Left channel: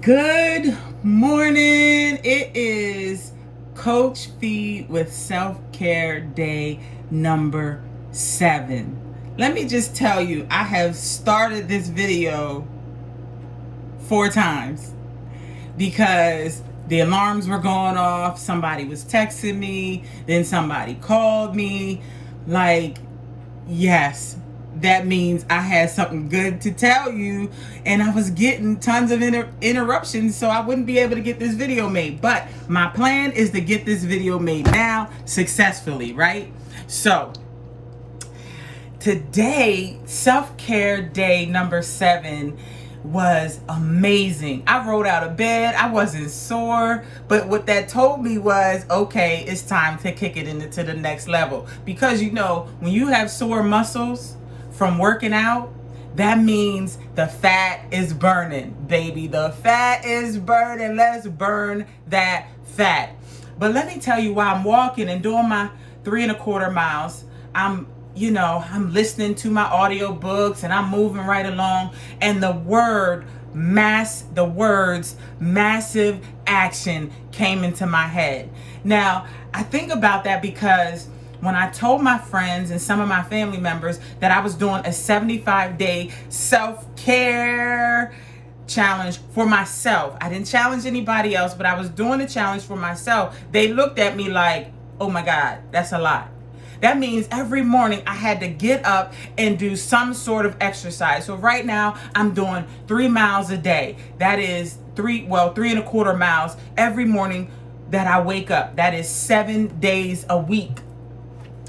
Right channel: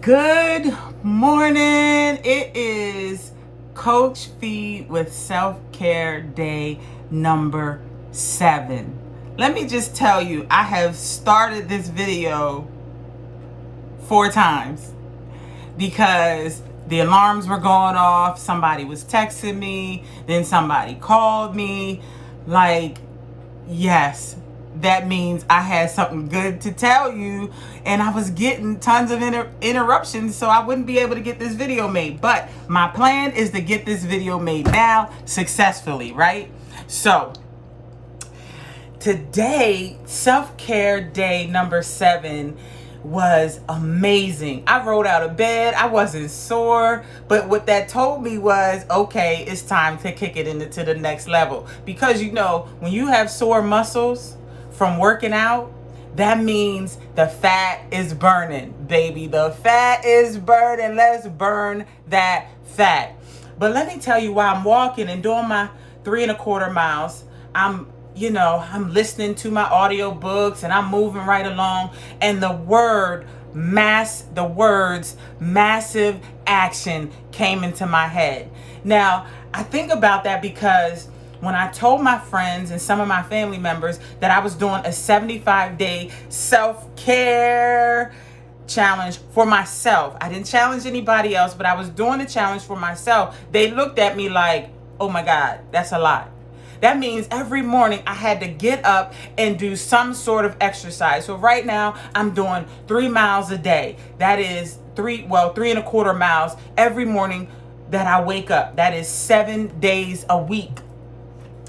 Good morning. It is Coach Phee with Self-Care Day number 7. Let me just tell you, I have started this video 4 times because the alarms were going off. Somebody was texting me, then somebody called me. Yes, that means I had something good to tell you, and I was getting tons of interruptions, so I wouldn't be able to get this video made. But my plan is to get this video made now successfully, right? So today, self-care day number 7 was amazing. I rolled out of bed. I wasn't sore, but what that told me was, okay, it's time to kick it into the next level. Because when you have sore muscles from working out, that means the fat is burning, baby. The fat is burning. Let's burn that fat. But let me tell you, while I'm walking and doing my 3.25 miles, I'm listening to my audio books and I'm moving right along, and the words massive action came into my head. Now, I think about that because when I told my friends and some of my family members that I was doing a 75-day self-care challenge for myself, I didn't challenge anybody else, but I was doing a challenge for myself. They looked at me like, oh my God, that's a lot. That means every morning I had to get up and do some sort of exercise. So right now I'm doing 3 miles a day. That is 3.25 miles every morning that I wake up. That is 7 days a week.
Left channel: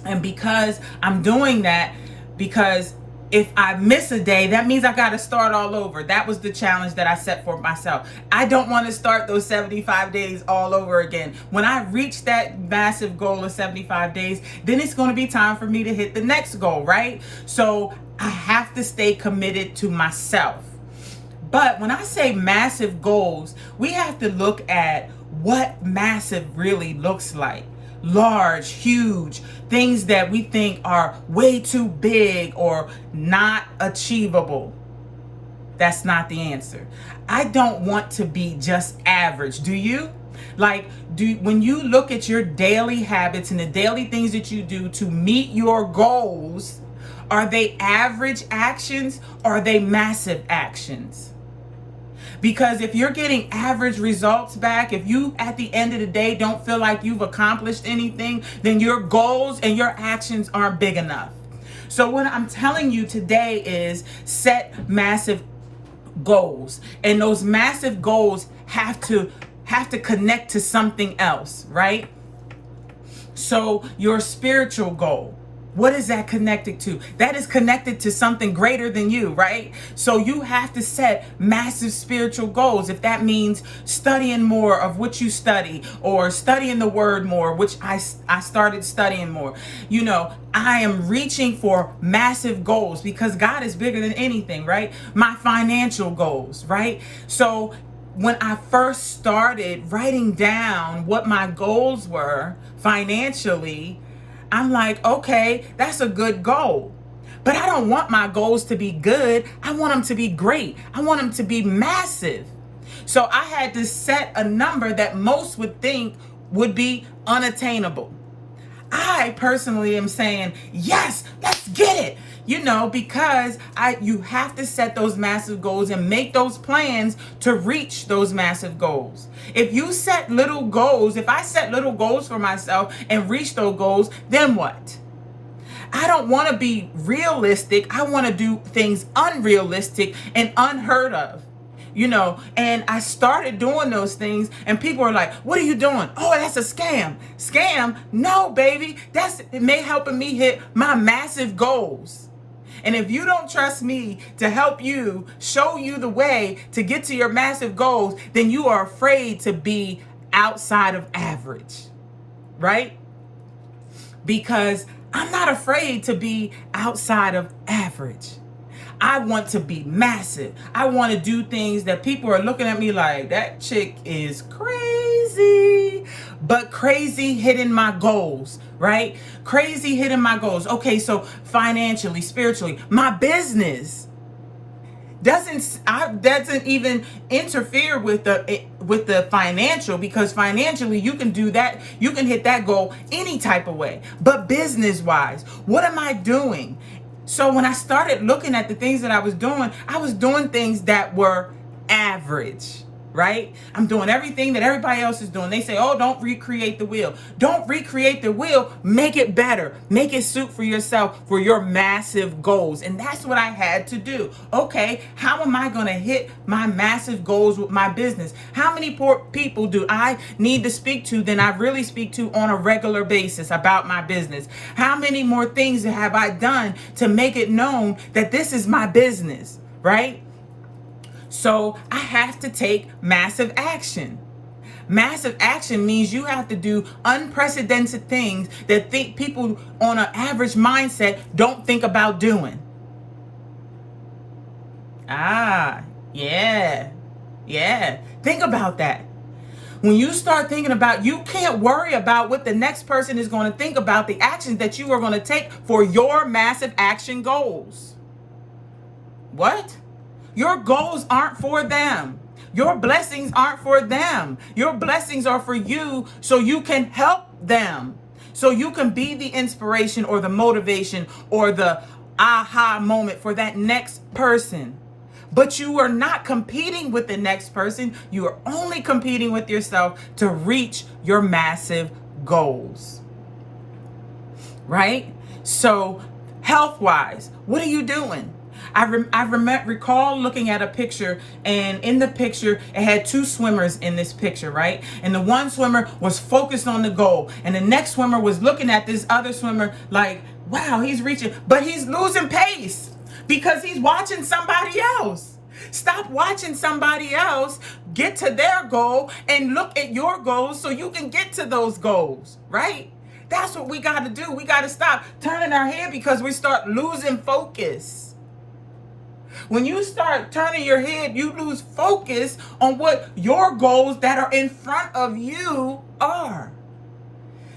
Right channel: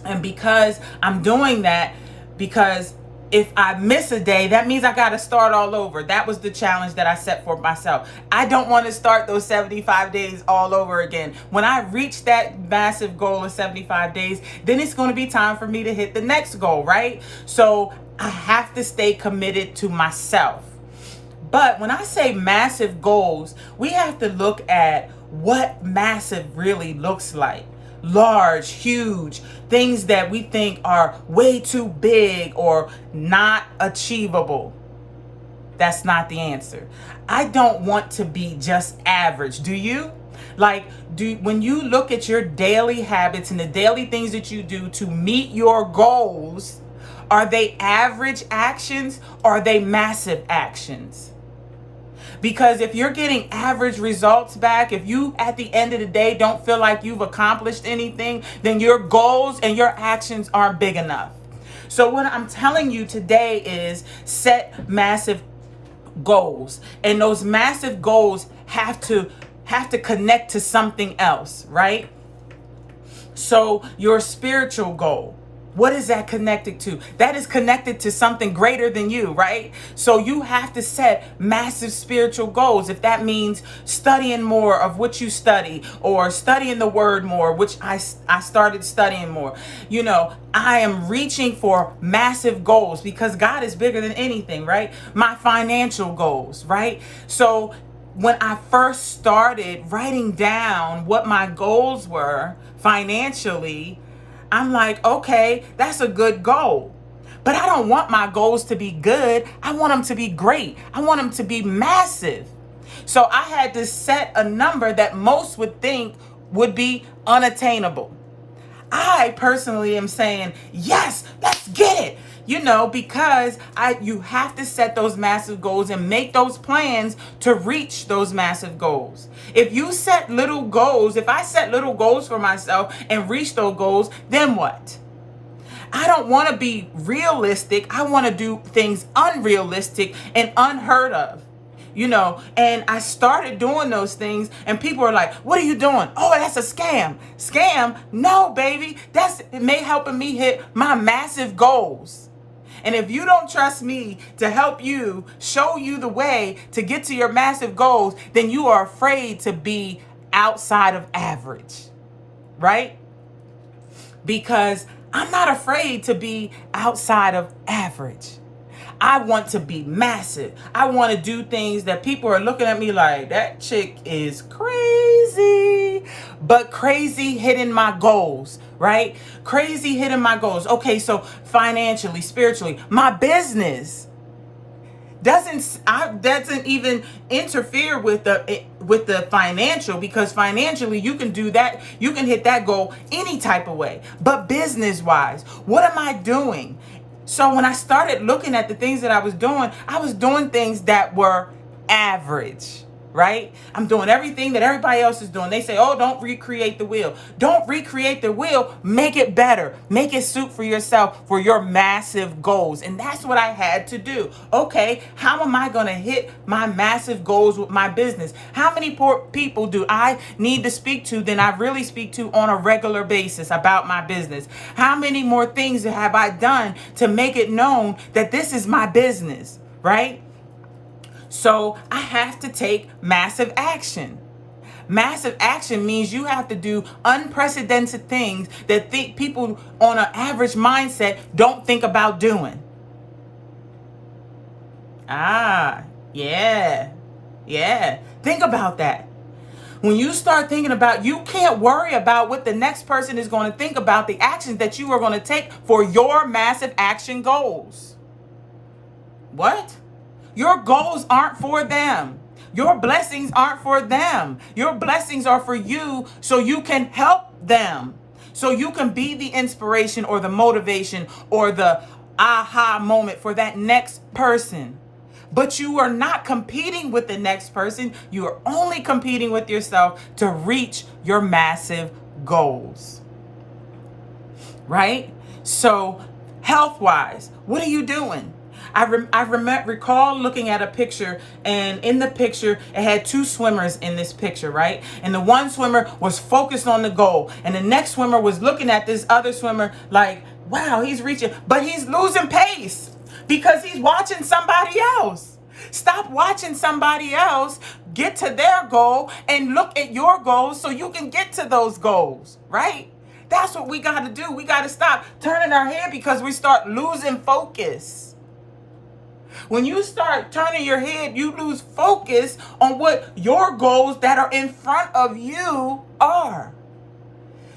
And because I'm doing that, because if I miss a day, that means I got to start all over. That was the challenge that I set for myself. I don't want to start those 75 days all over again. When I reach that massive goal of 75 days, then it's going to be time for me to hit the next goal, right? So I have to stay committed to myself. But when I say massive goals, we have to look at what massive really looks like. Large, huge, things that we think are way too big or not achievable. That's not the answer. I don't want to be just average. Do you? When you look at your daily habits and the daily things that you do to meet your goals, are they average actions or are they massive actions? Because if you're getting average results back, if you at the end of the day don't feel like you've accomplished anything, then your goals and your actions aren't big enough. So what I'm telling you today is set massive goals. And those massive goals have to connect to something else, right? So your spiritual goal, what is that connected to? That is connected to something greater than you, right? So you have to set massive spiritual goals. If that means studying more of what you study, or studying the word more, which I started studying more. I am reaching for massive goals because God is bigger than anything, right? My financial goals, right? So when I first started writing down what my goals were financially, I'm like, okay, that's a good goal. But I don't want my goals to be good. I want them to be great. I want them to be massive. So I had to set a number that most would think would be unattainable. I personally am saying, yes, let's get it. Because you have to set those massive goals and make those plans to reach those massive goals. If you set little goals, if I set little goals for myself and reach those goals, then what? I don't want to be realistic. I want to do things unrealistic and unheard of. And I started doing those things and people are like, what are you doing? Oh, that's a scam. Scam? No, baby. It may helping me hit my massive goals. And if you don't trust me to help you, show you the way to get to your massive goals, then you are afraid to be outside of average, right? Because I'm not afraid to be outside of average. I want to be massive. I want to do things that people are looking at me like, that chick is crazy, but crazy hitting my goals, right? Crazy hitting my goals. Okay, so financially, spiritually, my business. doesn't even interfere with the financial, because financially you can do that, you can hit that goal any type of way. But business wise, what am I doing? So when I started looking at the things that I was doing things that were average, right? I'm doing everything that everybody else is doing. They say, oh, don't recreate the wheel. Don't recreate the wheel. Make it better. Make it suit for yourself, for your massive goals. And that's what I had to do. Okay, how am I going to hit my massive goals with my business? How many people do I need to speak to than I really speak to on a regular basis about my business? How many more things have I done to make it known that this is my business, right? So I have to take massive action. Massive action means you have to do unprecedented things that people on an average mindset don't think about doing. Yeah. Think about that. When you start thinking about, you can't worry about what the next person is going to think about the actions that you are going to take for your massive action goals. What? Your goals aren't for them. Your blessings aren't for them. Your blessings are for you so you can help them. So you can be the inspiration or the motivation or the aha moment for that next person. But you are not competing with the next person. You are only competing with yourself to reach your massive goals. Right? So health-wise, what are you doing? I recall looking at a picture, and in the picture, it had two swimmers in this picture, right? And the one swimmer was focused on the goal, and the next swimmer was looking at this other swimmer like, wow, he's reaching, but he's losing pace because he's watching somebody else. Stop watching somebody else get to their goal and look at your goals so you can get to those goals, right? That's what we got to do. We got to stop turning our head because we start losing focus. When you start turning your head, you lose focus on what your goals that are in front of you are.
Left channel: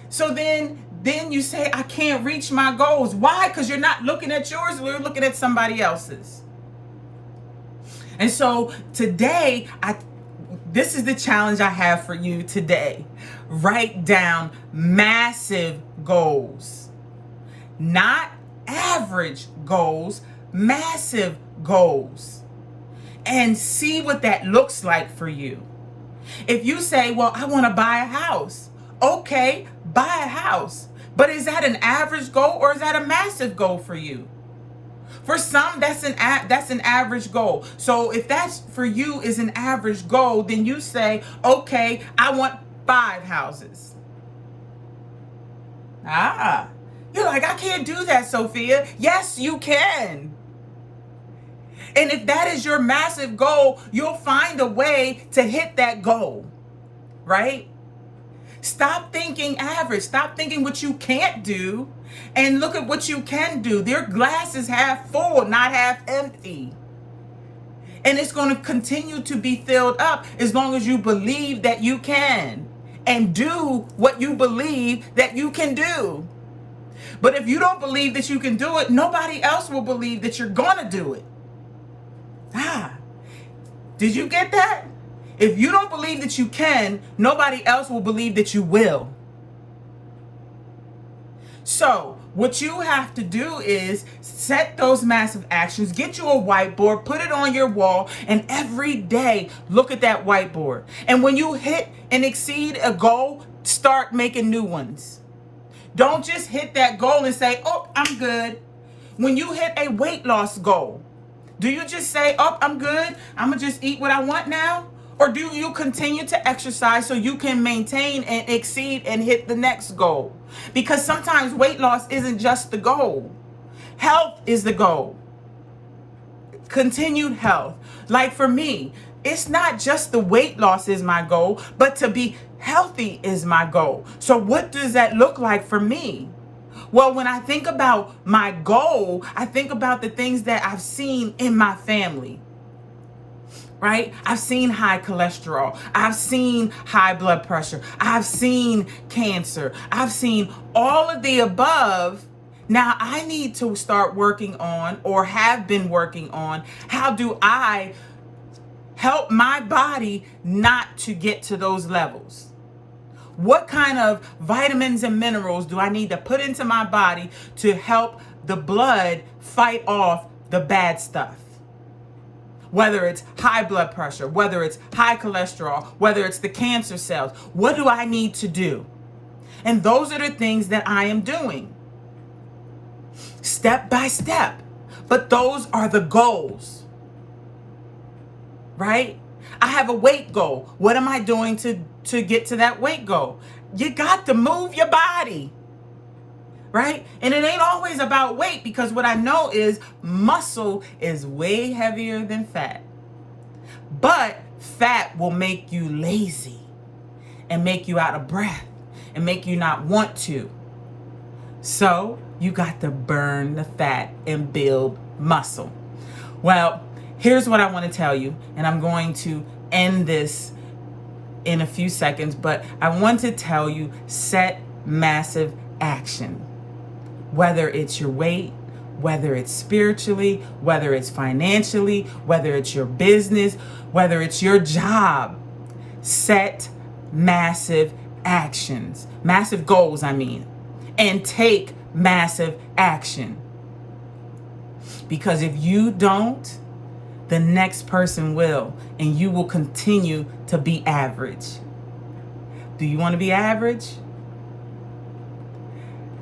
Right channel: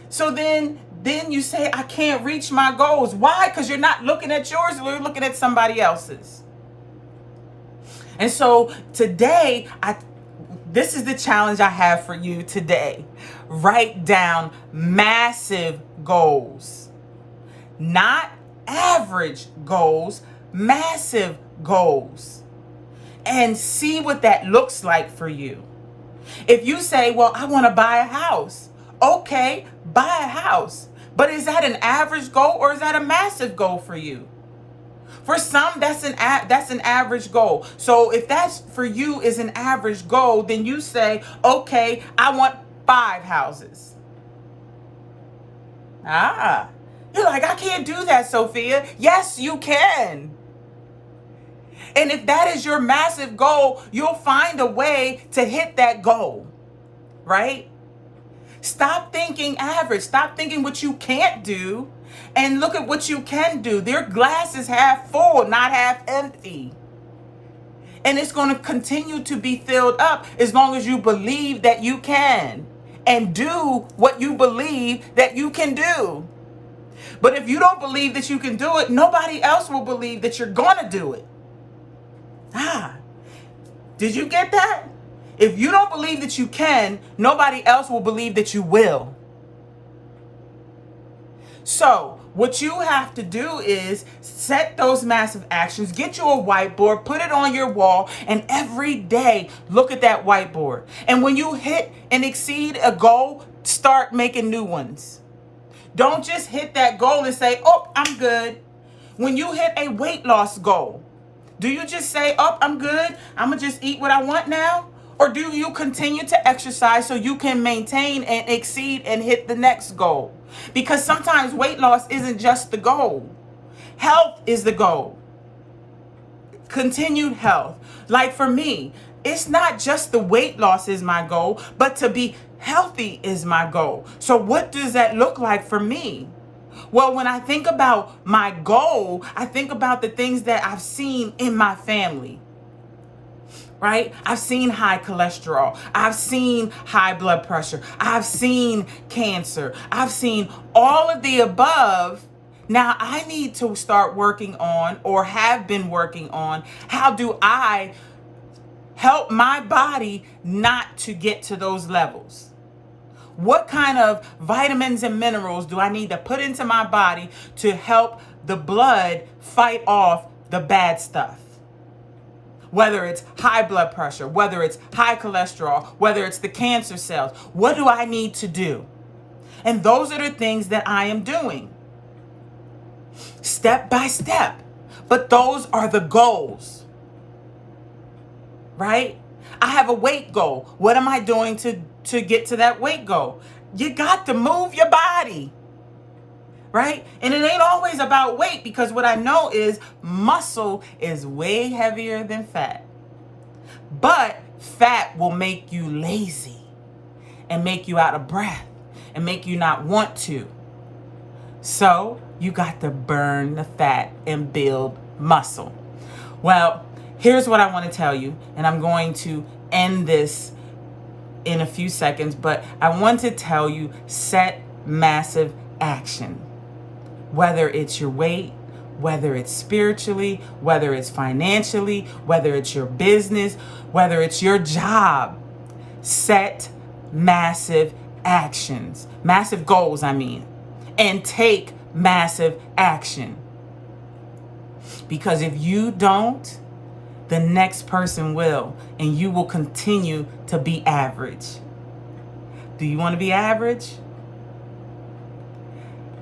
So then you say, I can't reach my goals. Why? Because you're not looking at yours, you're looking at somebody else's. And so today, this is the challenge I have for you today. Write down massive goals, not average goals, massive goals, and see what that looks like for you. If you say, well, I want to buy a house. Okay, buy a house. But is that an average goal or is that a massive goal for you? For some, that's an average goal. So if that's for you is an average goal, then you say, okay, I want 5 houses. You're like, I can't do that, Sophia. Yes, you can. And if that is your massive goal, you'll find a way to hit that goal, right? Stop thinking average. Stop thinking what you can't do and look at what you can do. Their glass is half full, not half empty. And it's going to continue to be filled up as long as you believe that you can and do what you believe that you can do. But if you don't believe that you can do it, nobody else will believe that you're going to do it. Did you get that? If you don't believe that you can, nobody else will believe that you will. So what you have to do is set those massive actions, get you a whiteboard, put it on your wall, and every day look at that whiteboard. And when you hit and exceed a goal, start making new ones. Don't just hit that goal and say, oh, I'm good. When you hit a weight loss goal, do you just say, oh, I'm good, I'm going to just eat what I want now? Or do you continue to exercise so you can maintain and exceed and hit the next goal? Because sometimes weight loss isn't just the goal. Health is the goal. Continued health. Like for me, it's not just the weight loss is my goal, but to be healthy is my goal. So what does that look like for me? Well, when I think about my goal, I think about the things that I've seen in my family, right? I've seen high cholesterol. I've seen high blood pressure. I've seen cancer. I've seen all of the above Now I need to start working on, or have been working on, how do I help my body not to get to those levels? What kind of vitamins and minerals do I need to put into my body to help the blood fight off the bad stuff? Whether it's high blood pressure, whether it's high cholesterol, whether it's the cancer cells, what do I need to do? And those are the things that I am doing, step by step. But those are the goals, right? I have a weight goal. What am I doing to get to that weight goal? You got to move your body, right? And it ain't always about weight, because what I know is muscle is way heavier than fat. But fat will make you lazy and make you out of breath and make you not want to. So you got to burn the fat and build muscle. Well, here's what I want to tell you, and I'm going to end this in a few seconds, but I want to tell you, set massive action. Whether it's your weight, whether it's spiritually, whether it's financially, whether it's your business, whether it's your job, set massive actions, massive goals, and take massive action. Because if you don't, the next person will, and you will continue to be average. Do you want to be average?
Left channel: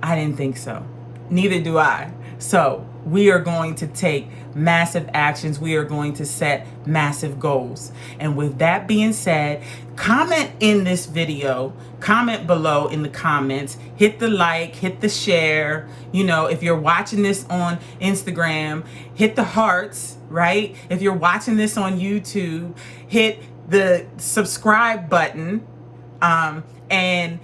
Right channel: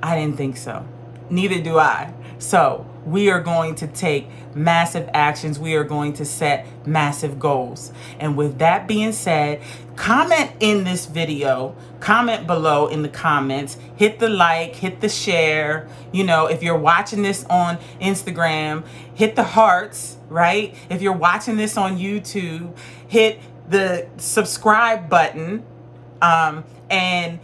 I didn't think so. Neither do I. So we are going to take massive actions. We are going to set massive goals. And with that being said, comment in this video, comment below in the comments, hit the like, hit the share. You know, if you're watching this on Instagram, hit the hearts, right? If you're watching this on YouTube, hit the subscribe button, and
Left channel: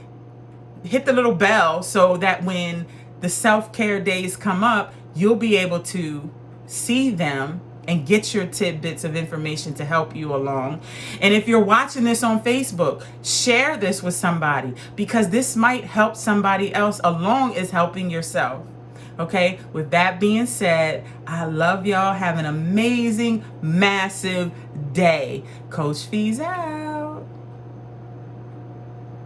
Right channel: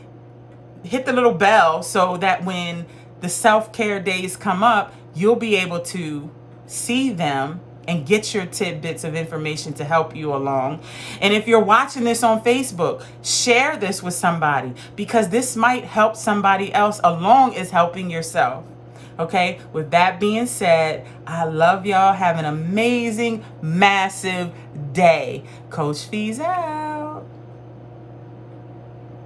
hit the little bell so that when the self-care days come up, you'll be able to see them and get your tidbits of information to help you along. And if you're watching this on Facebook, share this with somebody, because this might help somebody else along as helping yourself. Okay, with that being said, I love y'all. Have an amazing, massive day. Coach Fee's out.